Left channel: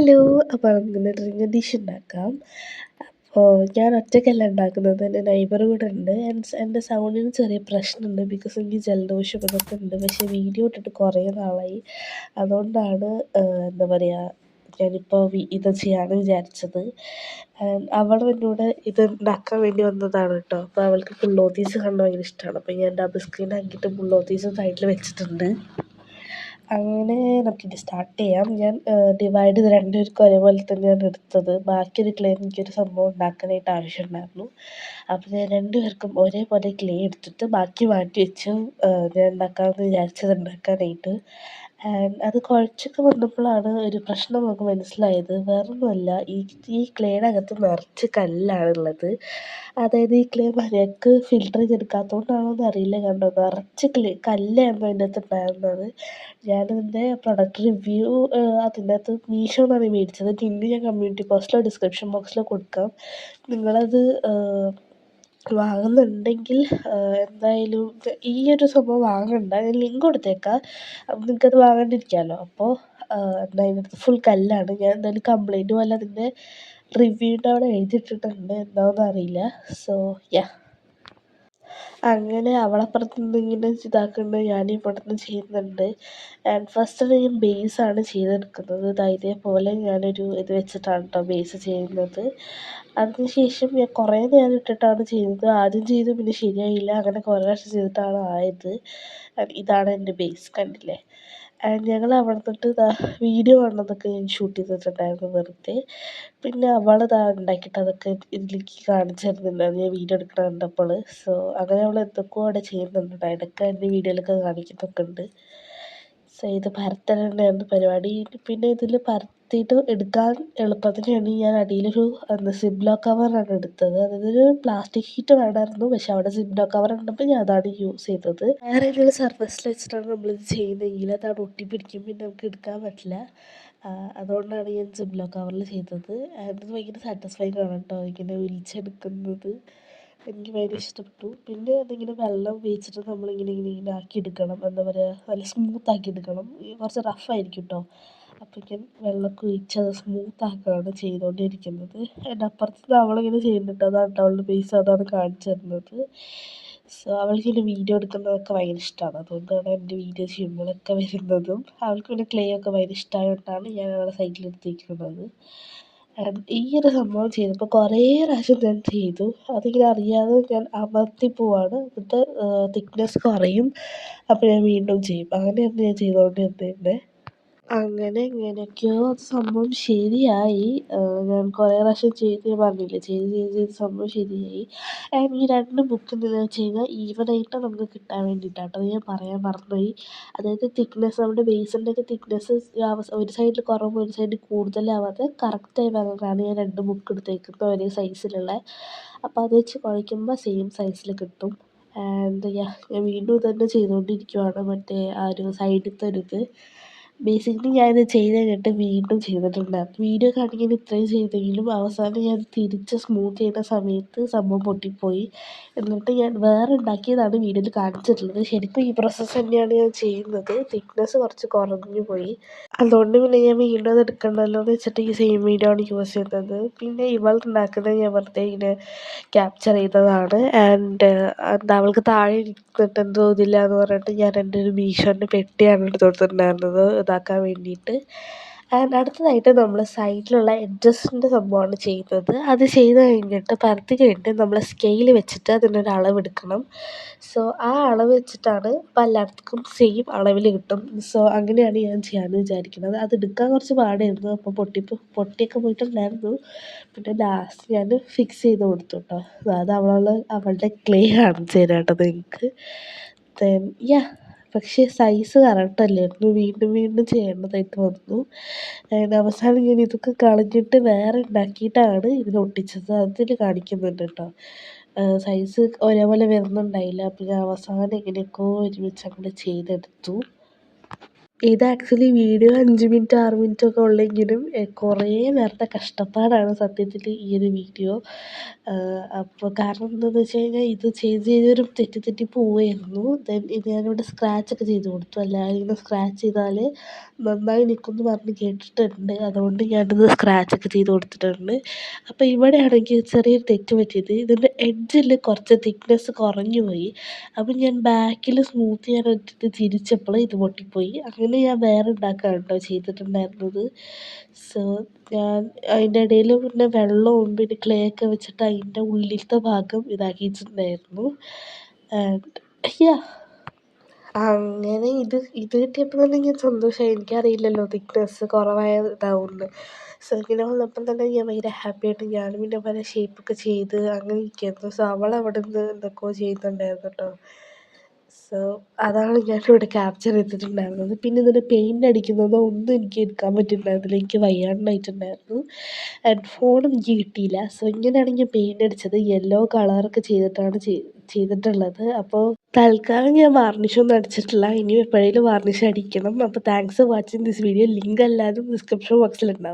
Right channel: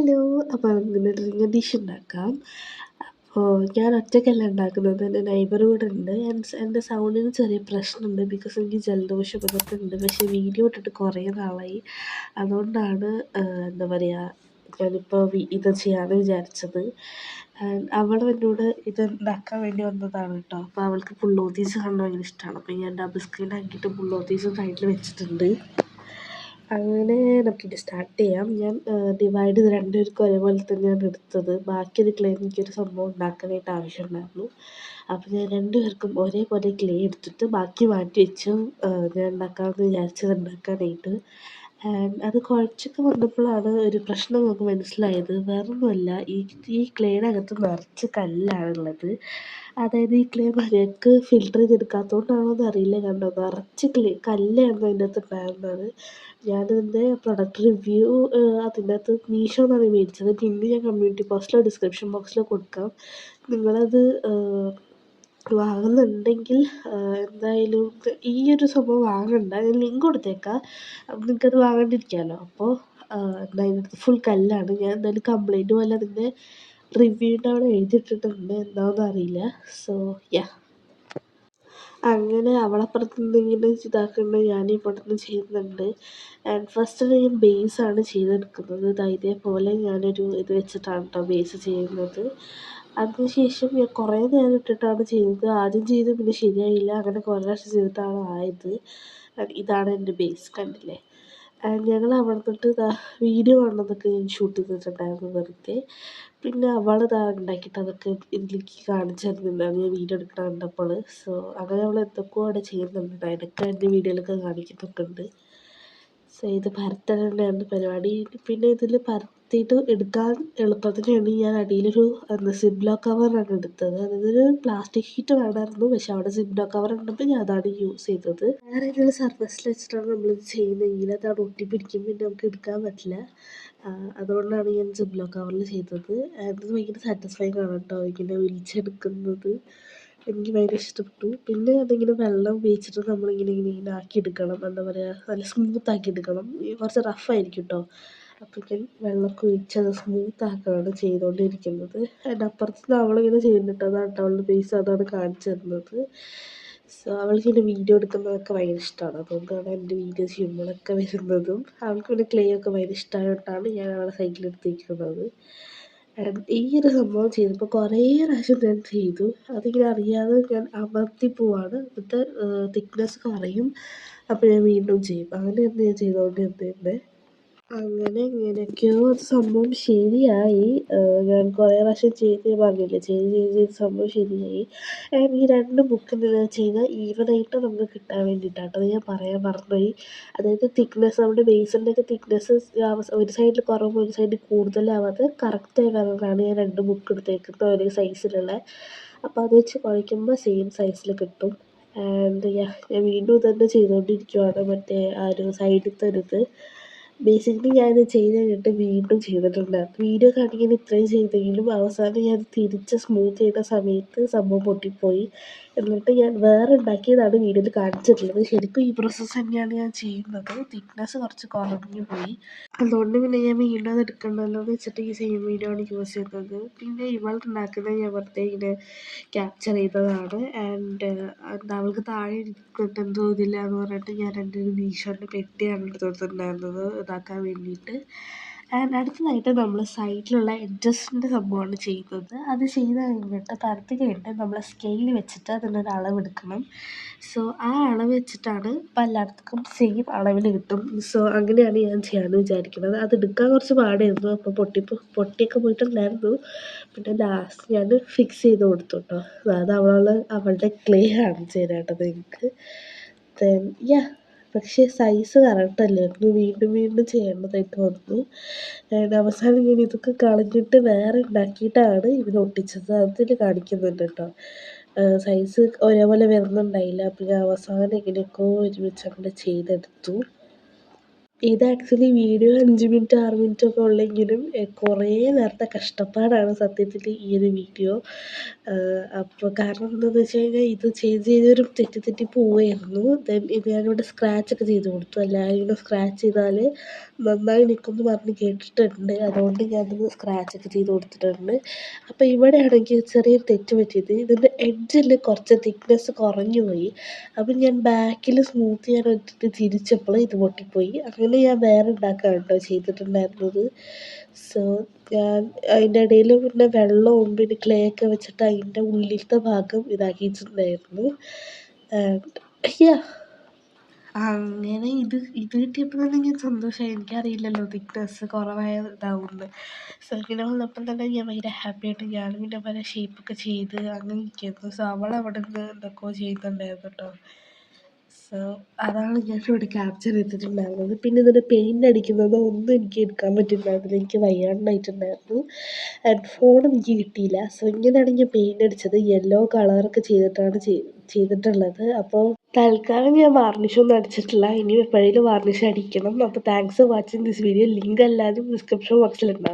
Hello. അപ്പോൾ നമുക്കിന്ന് ring dish ഉണ്ടാക്കാം. അപ്പോൾ ഞാൻ ഒറ്റയ്ക്കല്ല ഉണ്ടാക്കുന്നത്, എൻ്റെ നെയ്ബർ കൂടെ ഉണ്ട്. എൻ്റെ സൗണ്ടിന് ചെറിയ പ്രശ്നമുണ്ട്, ബിക്കോസ് എനിക്ക് ജലദോഷം ഇതൊക്കെ ഉണ്ട്. പക്ഷേ വീഡിയോ ഇട്ടിട്ട് കുറേ നാളായി. അതുകൊണ്ടാണ് എന്താ പറയുക, ഞാനിപ്പോൾ ഇത് ചെയ്യാമെന്ന് വിചാരിച്ചത്. അവൾ എന്നോട് ഇത് ഉണ്ടാക്കാൻ വേണ്ടി വന്നതാണ് കേട്ടോ. അപ്പോൾ അവൾക്ക് പുള്ളോത്തീസ് കാണാൻ ഭയങ്കര ഇഷ്ടമാണ്. അപ്പോൾ ഞാൻ ഡബിൾ സ്ക്രീൻ ആക്കിയിട്ട് പുള്ളോത്തീസ് സൈഡിൽ വെച്ചിട്ടുണ്ട്. അങ്ങനെ നമുക്കിത് സ്റ്റാർട്ട് ചെയ്യാം. ഞാൻ ഡിവൈഡ് ചെയ്ത് രണ്ടുപേർക്കും ഒരേപോലെ തന്നെയാണ് എടുത്തത്. ബാക്കിയൊരു ക്ലേ എനിക്കൊരു സംഭവം ഉണ്ടാക്കാനായിട്ട് ആവശ്യമുണ്ടായിരുന്നു. അപ്പോൾ ഞാൻ രണ്ടുപേർക്കും ഒരേപോലെ ക്ലേ എടുത്തിട്ട് ബാക്കി മാറ്റി വെച്ചു. ഞാൻ ഉണ്ടാക്കാമെന്ന് വിചാരിച്ചത് ഉണ്ടാക്കാനായിട്ട്. അത് കുഴച്ചൊക്കെ വന്നപ്പോഴാണ് ഒരു പ്രശ്നം നമുക്ക് മനസ്സിലായത്. വേറൊന്നുമല്ല, ഈ ക്ലേയുടെ അകത്ത് നിറച്ച് കല്ലാണുള്ളത്. അതായത് ഈ ക്ലേ മര്യാദക്ക് ഫിൽട്ടർ ചെയ്തെടുക്കാത്തതുകൊണ്ടാണോ എന്നറിയില്ല, കണ്ടോ നിറച്ച് കല്ലായിരുന്നു അതിൻ്റെ അകത്ത് ഉണ്ടായിരുന്നത്. ഞാനിതിൻ്റെ പ്രൊഡക്റ്റ് റിവ്യൂ അതിൻ്റെ അകത്ത് മീഷോ എന്നാണ് മേടിച്ചത്. ലിങ്ക് ഞാൻ കമ്മ്യൂണിറ്റി പോസ്റ്റിലോ ഡിസ്ക്രിപ്ഷൻ ബോക്സിലോ കൊടുക്കാം. നിങ്ങളത് വാങ്ങുന്നുണ്ടെങ്കിൽ എന്തായാലും ഈ ഒരു സംഭവം വാങ്ങണ്ട, ഞാൻ ലിങ്ക് കൊടുത്തേക്കാം. അപ്പം നിങ്ങൾക്കത് വാങ്ങാണ്ടിരിക്കാമല്ലോ. അപ്പോൾ എന്താ അതിനകത്ത് ഫുൾ കല്ലാണ്. ഞാൻ എന്തായാലും കംപ്ലൈൻറ്റ് പോലെ അതിൻ്റെ റിവ്യൂൻ്റെ അവിടെ എഴുതിയിട്ടിട്ടുണ്ട്, എന്താണെന്ന് അറിയില്ല. സോ യാ, അങ്ങനെ അവളപ്പുറത്ത് നിന്ന് ഇങ്ങനെ ഇതാക്കുന്നുണ്ട്, ഞാൻ ഇവിടെ നിന്ന് ചെയ്യുന്നുണ്ട്. ഫസ്റ്റ് ഞാൻ ബേസാണ് ചെയ്തെടുക്കുന്നത്. ഇതേപോലെ ഞാനൊരു ഇത് വെച്ചിട്ടാണ് കേട്ടോ ബേസ് ചെയ്യുന്നത്. അതിനുശേഷം ഞാൻ കുറേ നേരം ഇട്ടിട്ടാണ് ചെയ്തത്. ആദ്യം ചെയ്തു, പിന്നെ ശരിയായില്ല, അങ്ങനെ കുറേ പ്രാവശ്യം ചെയ്തിട്ടാണ് ആയത്. ഇതാണ് എൻ്റെ ബേസ്, കണ്ടില്ലേ. ഞങ്ങൾ അവിടെ നിന്നിട്ട് വീഡിയോ കാണുന്നതൊക്കെ ഞാൻ ഷൂട്ട് ചെയ്തിട്ടുണ്ടായിരുന്നു വെറുതെ. പിന്നെ അവളതാ ഉണ്ടാക്കിയിട്ട് അതൊക്കെ ഇതിലേക്ക് കാണിച്ചു തരുന്നുണ്ടായിരുന്നു ഞാൻ വീഡിയോ എടുക്കണം കണ്ടപ്പോൾ. സോ അങ്ങനെ അവൾ എന്തൊക്കെയോ അവിടെ ചെയ്യുന്നുണ്ട്, ഇടയ്ക്ക് എൻ്റെ വീഡിയോയിലൊക്കെ കാണിക്കുന്നൊക്കെ ഉണ്ട്. സോ ഇത് പരത്തൽ തന്നെയായിരുന്നു പരിപാടി. പിന്നെ ഇതിൽ പരത്തിയിട്ട് എടുക്കാൻ എളുപ്പത്തിന് വേണ്ടി ഞാൻ അടിയിലൊരു സിബ്ലോ കവറാണ് എടുത്തത്. അതായത് ഒരു പ്ലാസ്റ്റിക് ഷീറ്റ് വേണമായിരുന്നു, പക്ഷെ അവിടെ സിബ്ലോ കവർ ഉണ്ടപ്പോൾ ഞാൻ അതാണ് യൂസ് ചെയ്തത്. വേറെ ഏതെങ്കിലും സർഫസിൽ വെച്ചിട്ടാണ് നമ്മളിത് ചെയ്യുന്നതെങ്കിൽ അത് അവിടെ ഒട്ടിപ്പിടിക്കും, പിന്നെ നമുക്ക് എടുക്കാൻ പറ്റില്ല. അതുകൊണ്ടാണ് ഞാൻ സിബ്ലോ കവറിൽ ചെയ്തത്. അത് ഭയങ്കര സാറ്റിസ്ഫൈങ് ആണ് കേട്ടോ, ഇങ്ങനെ ഒലിച്ചെടുക്കുന്നത് എനിക്ക് ഭയങ്കര ഇഷ്ടപ്പെട്ടു. പിന്നെ അതിങ്ങനെ വെള്ളം ഉപയോഗിച്ചിട്ട് നമ്മളിങ്ങനെ ഇങ്ങനെ ഇങ്ങനെ ആക്കിയെടുക്കണം, എന്താ പറയുക, നല്ല സ്മൂത്താക്കി എടുക്കണം. കുറച്ച് റഫായിരിക്കും കേട്ടോ. അപ്പോഴേക്കും വെള്ളമൊക്കെ ഒഴിച്ച് അത് സ്മൂത്താക്കുകയാണ് ചെയ്തുകൊണ്ടിരിക്കുന്നത്. അതിൻ്റെ അപ്പുറത്ത് അവളിങ്ങനെ ചെയ്യുന്നുണ്ട്, അതാണ് കേട്ടോ അവളുടെ ബേസ്, അതാണ് കാണിച്ചു തരുന്നത്. സോ അവൾക്കിങ്ങനെ വീഡിയോ എടുക്കുന്നതൊക്കെ ഭയങ്കര ഇഷ്ടമാണ്. അതുകൊണ്ടാണ് എൻ്റെ വീഡിയോ ചെയ്യുമ്പോഴൊക്കെ വരുന്നതും. അവൾക്ക് പിന്നെ ക്ലേ ഒക്കെ ഭയങ്കര ഇഷ്ടമായതുകൊണ്ടാണ് ഞാൻ അവളെ സൈഡിലെടുത്തിരിക്കുന്നത്. ഈ ഒരു സംഭവം ചെയ്തപ്പോൾ കുറേ പ്രാവശ്യം ഞാൻ ചെയ്തു. അതിങ്ങനെ അറിയാതെ ഞാൻ അമർത്തി പോവാണ്, എന്നിട്ട് തിക്നെസ് കുറയും. അപ്പോൾ ഞാൻ വീണ്ടും ചെയ്യും, അങ്ങനെയാണ് ഞാൻ ചെയ്തുകൊണ്ടിരുന്നത്. അങ്ങനെ എങ്ങനെയൊക്കെയോ അത് സംഭവം ശരിയായി. ഞാൻ കുറേ പ്രാവശ്യം ചെയ്ത്, ഞാൻ പറഞ്ഞില്ലേ, ചെയ്ത് സംഭവം ശരിയായി. ഈ രണ്ട് ബുക്ക് എന്താണെന്ന് വെച്ച് കഴിഞ്ഞാൽ ഈവനായിട്ട് നമുക്ക് കിട്ടാൻ വേണ്ടിയിട്ടാണ്. അത് ഞാൻ പറയാൻ മറന്നുപോയി. അതായത് തിക്നെസ്, നമ്മുടെ ബേസിൻ്റെയൊക്കെ തിക്നെസ് ഒരു സൈഡിൽ കുറവ് ഒരു സൈഡിൽ കൂടുതലാവാതെ കറക്റ്റായി വരാനാണ് ഞാൻ രണ്ട് ബുക്ക് എടുത്തേക്കുന്നത്, ഒരേ സൈസിലുള്ള. അപ്പോൾ അത് വെച്ച് കുഴയ്ക്കുമ്പോൾ സെയിം സൈസിൽ കിട്ടും. ഞാൻ വീണ്ടും ഇതുതന്നെ ചെയ്തുകൊണ്ടിരിക്കുകയാണ്, മറ്റേ ആ ഒരു സൈഡിലത്തെ ഒരു ഇത്. ബേസിക്കലി ഞാനിത് ചെയ്ത് കഴിഞ്ഞിട്ട് വീണ്ടും ചെയ്തിട്ടുണ്ടായിരുന്നു. വീഡിയോ കാണിക്കാൻ ഇത്രയും ചെയ്തെങ്കിലും അവസാനം ഞാൻ തിരിച്ച് സ്മൂത്ത് ചെയ്യുന്ന സമയത്ത് സംഭവം പൊട്ടിപ്പോയി. എന്നിട്ട് ഞാൻ വേറെ ഉണ്ടാക്കിയതാണ് വീഡിയോയിൽ കാണിച്ചിട്ടുള്ളത്. ശരിക്കും ഈ പ്രോസസ്സ് തന്നെയാണ് ഞാൻ ചെയ്യുന്നത്. തിക്നെസ് കുറച്ച് കുറഞ്ഞു പോയി. അതുകൊണ്ട് പിന്നെ ഞാൻ വീണ്ടും അത് എടുക്കണ്ടല്ലോ എന്ന് വെച്ചിട്ട് ഈ സെയിം വീഡിയോ ആണ് യൂസ് ചെയ്യുന്നത്. പിന്നെ ഇവൾ ഉണ്ടാക്കുന്നത് ഞാൻ വെറുതെ ഇങ്ങനെ ക്യാപ്ചർ ചെയ്തതാണ്. എന്താ അവൾക്ക് താഴെ ഇരുന്നിട്ട് എന്തോ ഇതില്ല എന്ന് പറഞ്ഞിട്ട് ഞാൻ എൻ്റെ ഒരു മീഷോൻ്റെ പെട്ടിയാണ് എടുത്ത് കൊടുത്തിട്ടുണ്ടായിരുന്നത് ഇതാക്കാൻ വേണ്ടിയിട്ട്. അടുത്തതായിട്ട് നമ്മൾ സൈഡിലുള്ള എഡ്ജസിൻ്റെ സംഭവമാണ് ചെയ്യുന്നത്. അത് ചെയ്ത് കഴിഞ്ഞിട്ട് പരത്തി കഴിഞ്ഞിട്ട് നമ്മൾ സ്കെയിൽ വെച്ചിട്ട് അതിനൊരു അളവെടുക്കണം. സോ ആ അളവ് വെച്ചിട്ടാണ് ഇപ്പോൾ എല്ലായിടത്തും സെയിം അളവിൽ കിട്ടും. സോ അങ്ങനെയാണ് ഞാൻ ചെയ്യാമെന്ന് വിചാരിക്കുന്നത്. അത് എടുക്കാൻ കുറച്ച് പാടായിരുന്നു, അപ്പോൾ പൊട്ടിയൊക്കെ പോയിട്ടുണ്ടായിരുന്നു. പിന്നെ ലാസ്റ്റ് ഞാൻ ഫിക്സ് ചെയ്ത് കൊടുത്തു കേട്ടോ. അത് അവളുടെ ക്ലേ കാണിച്ചു തരാം കേട്ടോ നിങ്ങൾക്ക്. യാ, പക്ഷേ സൈസ് കറക്റ്റ് അല്ലായിരുന്നു, വീണ്ടും വീണ്ടും ചെയ്യേണ്ടതായിട്ട് വന്നു. അവസാനം ഞാൻ ഇതൊക്കെ കളഞ്ഞിട്ട് വേറെ ഉണ്ടാക്കിയിട്ടാണ് ഇതിൽ ഒട്ടിച്ചത്. അതിൽ കാണിക്കുന്നുണ്ട് കേട്ടോ, സൈസ് ഒരേപോലെ വരുന്നുണ്ടായില്ല. അപ്പോൾ ഞാൻ അവസാനം എങ്ങനെയൊക്കെയോ ഒരുമിച്ച് അങ്ങോട്ട് ചെയ്തെടുത്തു. ഇത് ആക്ച്വലി വീഡിയോ 5 മിനിറ്റ് 6 മിനിറ്റ് ഒക്കെ ഉള്ളെങ്കിലും കുറേ നേരത്തെ കഷ്ടപ്പാടാണ് സത്യത്തിൽ ഈ ഒരു വീഡിയോ. അപ്പോൾ കാരണം എന്താണെന്ന് വെച്ച് കഴിഞ്ഞാൽ ഇത് ചെയ്തൊരു തെറ്റി പോവുമായിരുന്നു. ഇത് ഞാനിവിടെ സ്ക്രാച്ചൊക്കെ ചെയ്ത് കൊടുത്തു. എല്ലാവരും ഇങ്ങനെ സ്ക്രാച്ച് ചെയ്താൽ നന്നായി നിൽക്കുമെന്ന് പറഞ്ഞ് കേട്ടിട്ടുണ്ട്. അതുകൊണ്ട് ഞാനത് സ്ക്രാച്ചൊക്കെ ചെയ്ത് കൊടുത്തിട്ടുണ്ട്. അപ്പോൾ ഇവിടെയാണെങ്കിൽ ചെറിയൊരു തെറ്റ് പറ്റിയത്, ഇതിൻ്റെ എഡ്ജിൽ കുറച്ച് തിക്നെസ് കുറഞ്ഞു പോയി. അപ്പം ഞാൻ ബാക്കിൽ സ്മൂത്ത് ചെയ്യാൻ വേണ്ടിയിട്ട് തിരിച്ചപ്പോൾ ഇത് പൊട്ടിപ്പോയി. അങ്ങനെ ഞാൻ വേറെ ഉണ്ടാക്കുകയാണ് കേട്ടോ ചെയ്തിട്ടുണ്ടായിരുന്നത്. സോ ഞാൻ അതിൻ്റെ ഇടയിൽ പിന്നെ വെള്ളവും പിന്നെ ക്ലേ ഒക്കെ വെച്ചിട്ട് അതിൻ്റെ ഉള്ളിലത്തെ ഭാഗം ഇതാക്കിയിട്ടുണ്ടായിരുന്നു. ആൻഡ് യാ, അങ്ങനെ ഇത് കിട്ടിയപ്പോൾ തന്നെ ഞാൻ സന്തോഷമായി. എനിക്കറിയില്ലല്ലോ തിക്നെസ് കുറവായതാവുമെന്ന്. സോ ഇങ്ങനെ വന്നപ്പം തന്നെ ഞാൻ ഭയങ്കര ഹാപ്പിയായിട്ട് ഞാനും പിന്നെ പല ഷേപ്പൊക്കെ ചെയ്ത് അങ്ങനെ ഇരിക്കുകയായിരുന്നു. സോ അവൾ അവിടെ നിന്ന് എന്തൊക്കെയോ ചെയ്യുന്നുണ്ടായിരുന്നു കേട്ടോ. സോ അതാണ് ഞാനിവിടെ ക്യാപ്ചർ ചെയ്തിട്ടുണ്ടായിരുന്നത്. പിന്നെ ഇതിൻ്റെ പെയിൻ്റ് അടിക്കുന്നതോ ഒന്നും എനിക്ക് എടുക്കാൻ പറ്റിയിട്ടുണ്ടായിരുന്നില്ല. എനിക്ക് വയ്യാണ്ടായിട്ടുണ്ടായിരുന്നു. ആൻഡ് ഫോണും എനിക്ക് കിട്ടിയില്ല. സോ ഇങ്ങനെയാണ് ഞാൻ പെയിൻ്റ് അടിച്ചത്. യെല്ലോ കളറൊക്കെ ചെയ്തിട്ടാണ് ചെയ്തിട്ടുള്ളത്. അപ്പോൾ തൽക്കാലം ഞാൻ വാർണിഷൊന്നും അടിച്ചിട്ടില്ല. ഇനി എപ്പോഴേലും വാർണിഷ് അടിക്കണം. അപ്പോൾ thanks for watching this video. Link എല്ലാവരും ഡിസ്ക്രിപ്ഷൻ ബോക്സിലുണ്ടാവും.